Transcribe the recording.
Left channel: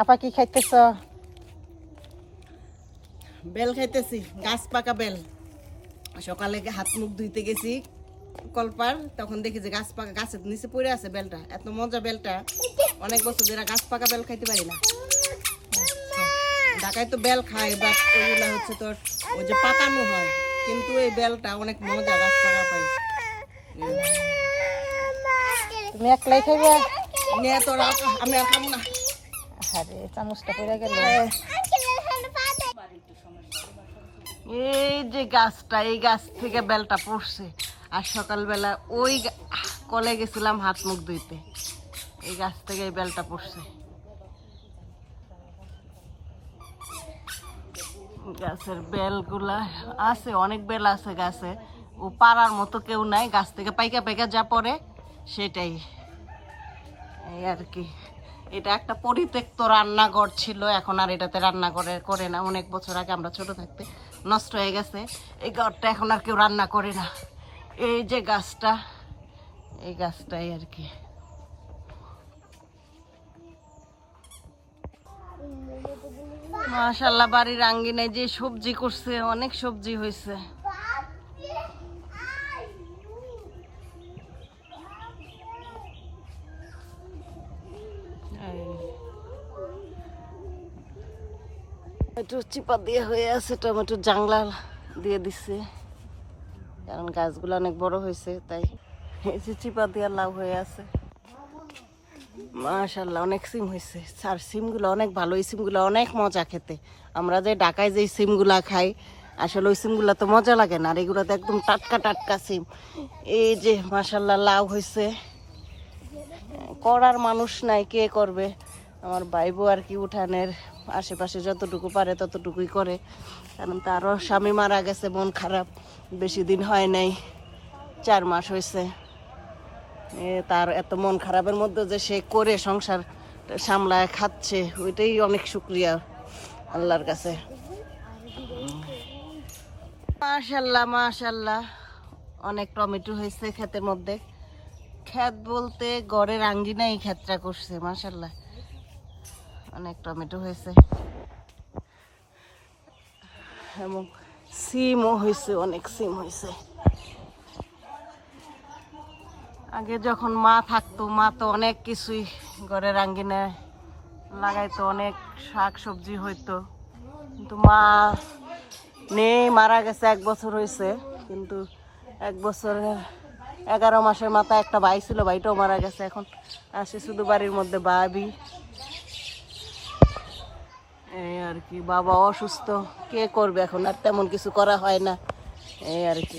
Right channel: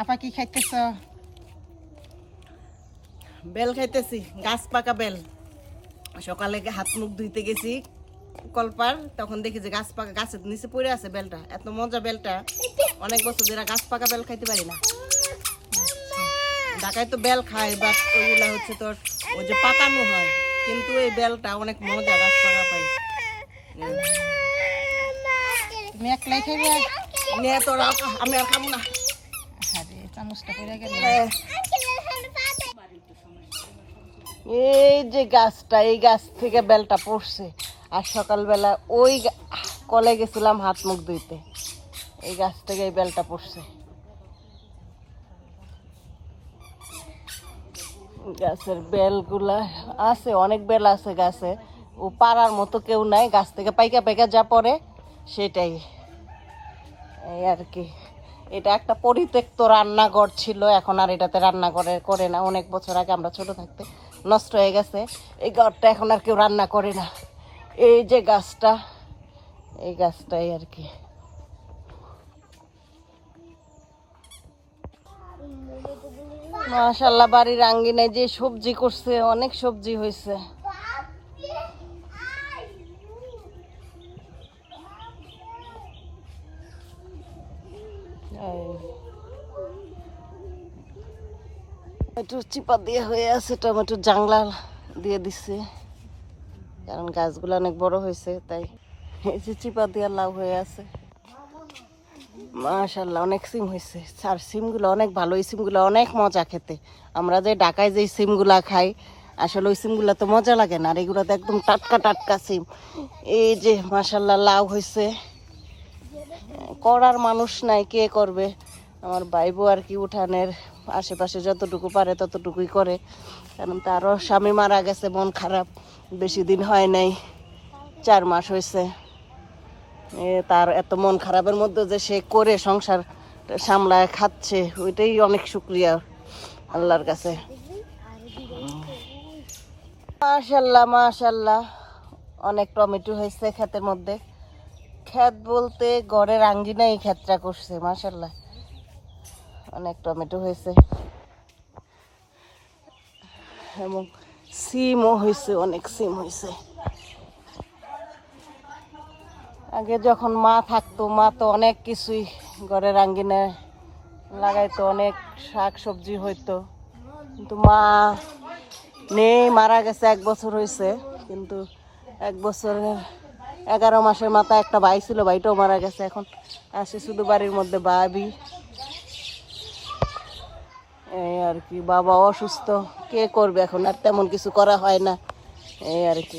আপা কি খাইতেছ? বেল খাইতেছি গাছ পাকা বেল। সকালে হাত মুখ ধুইতে গেছি কলপার তখন দেখি যে গাছ পাকা গাছের নিচে পড়ে আছে বেলটা। এত মজা বেলটা। অনেক বছর ধরে গাছ পাকা বেল খাইতে পারি না। ঢাকায় তো বেল খায় বাট ওইগুলা হচ্ছে তোর ওই যে পাকানো হয়। কিন্তু এই বেলটা অনেক মজা গাছ পাকা পাই। তুমি একলাই খাইবা? নিয়ে তোর আমি আর খাব না। আরে, চামচটা পড়ে গেল। এই যে গাছটা, এই গাছ থেকে বেলটা পড়ছে। আর সকালবেলা ওই কলে গেছিলাম হাত মুখ ধুইতে। এই গাছ থেকে এই বেলটা পড়ছে। গাছের বেলগুলা আছে, অনেক বেল আছে গাছে। ও পাড়ার মতো কেউ নাই, গাছ থেকে পাইকা পাইকা যা পড়ে, সেটাই। এই আর কি। এটা একটা পরিত্যক্ত রান্নাঘর ছিল, এখন আর এটাতে রান্না করে না। অনেক বছর আগে আমরা ছোট থাকতে নষ্ট হয়ে গেছে। এই ঘরটা এখন আর কেউ রান্না করে না। এই যে গাছটা, এই গাছটাই আর কি। মাশাল্লাহ, বাড়ির আঙ্গিনায় যে সবজি করছে, অনেক সবজি হয়েছে। একটু চিপা দিয়ে হয়ে আছে, টমেটো জাংলা দিয়ে দিছে। কারণ গাছগুলো অনেক বড় হয়েছে, তাই এই যে চিপা দিয়ে লাউ হয়ে আছে। মাশাল্লাহ অনেক সিম হয়েছে। আর সিমগুলো অনেক ভালো, এই সিমগুলো অনেক মজা খেতে। আমরা যে ঢাকায় যে সিমগুলা খাই, আসলে ওই সিমগুলো তো মজা লাগে না, আর এগুলো তো একদম টাটকা টাটকা সিম। এই যে মাশাল্লাহ লাউ হয়েছে। করার মানুষ নাই, কে করবে? আমার ভাইবো আর কি উঠানের আশেপাশে যতটুকু পারে ততটুকুই করে। কারণ তারও স্বামী মারা গেছে, মন খারাপ, বেশি দিন হয় নাই, চার মাস হয়েছে। তার এত মন খারাপের মধ্যে যে সে করে সংসার সামলায়, খাচ্ছে, ওইটাই অনেক শুক্রিয়া আল্লাহর কাছে। মাশাল্লাহ মাশাল্লাহ, অনেক টমেটো হয়েছে ক্ষেতের মধ্যে। ক্ষেত বলতে ঘরের আঙ্গিনাই ক্ষেতটা করছে মাশাল্লাহ অনেক টমেটো হয়েছে। এবং সিমও হয়েছে, অনেক সিম হয়েছে। আগে যখন মা থাকতো, মা তো অনেক কিছুই ঘরের আঙ্গিনায় লাগাইতো, অনেক শাক সবজি হইতো। কিন্তু মা নেই মারা গেছে, এক বছর হয়েছে। কিন্তু এক বছরের এগারো মাসের মাথায় একটা ভাই ছিল, ভাইটাও মারা গেছে এখন। আসে শুধু বাড়ির মধ্যে বাবি এই আর কি, বাবা অসুস্থ, কে করবে এখন? আর তেমন কিছু করা হয় না। এই আর কি।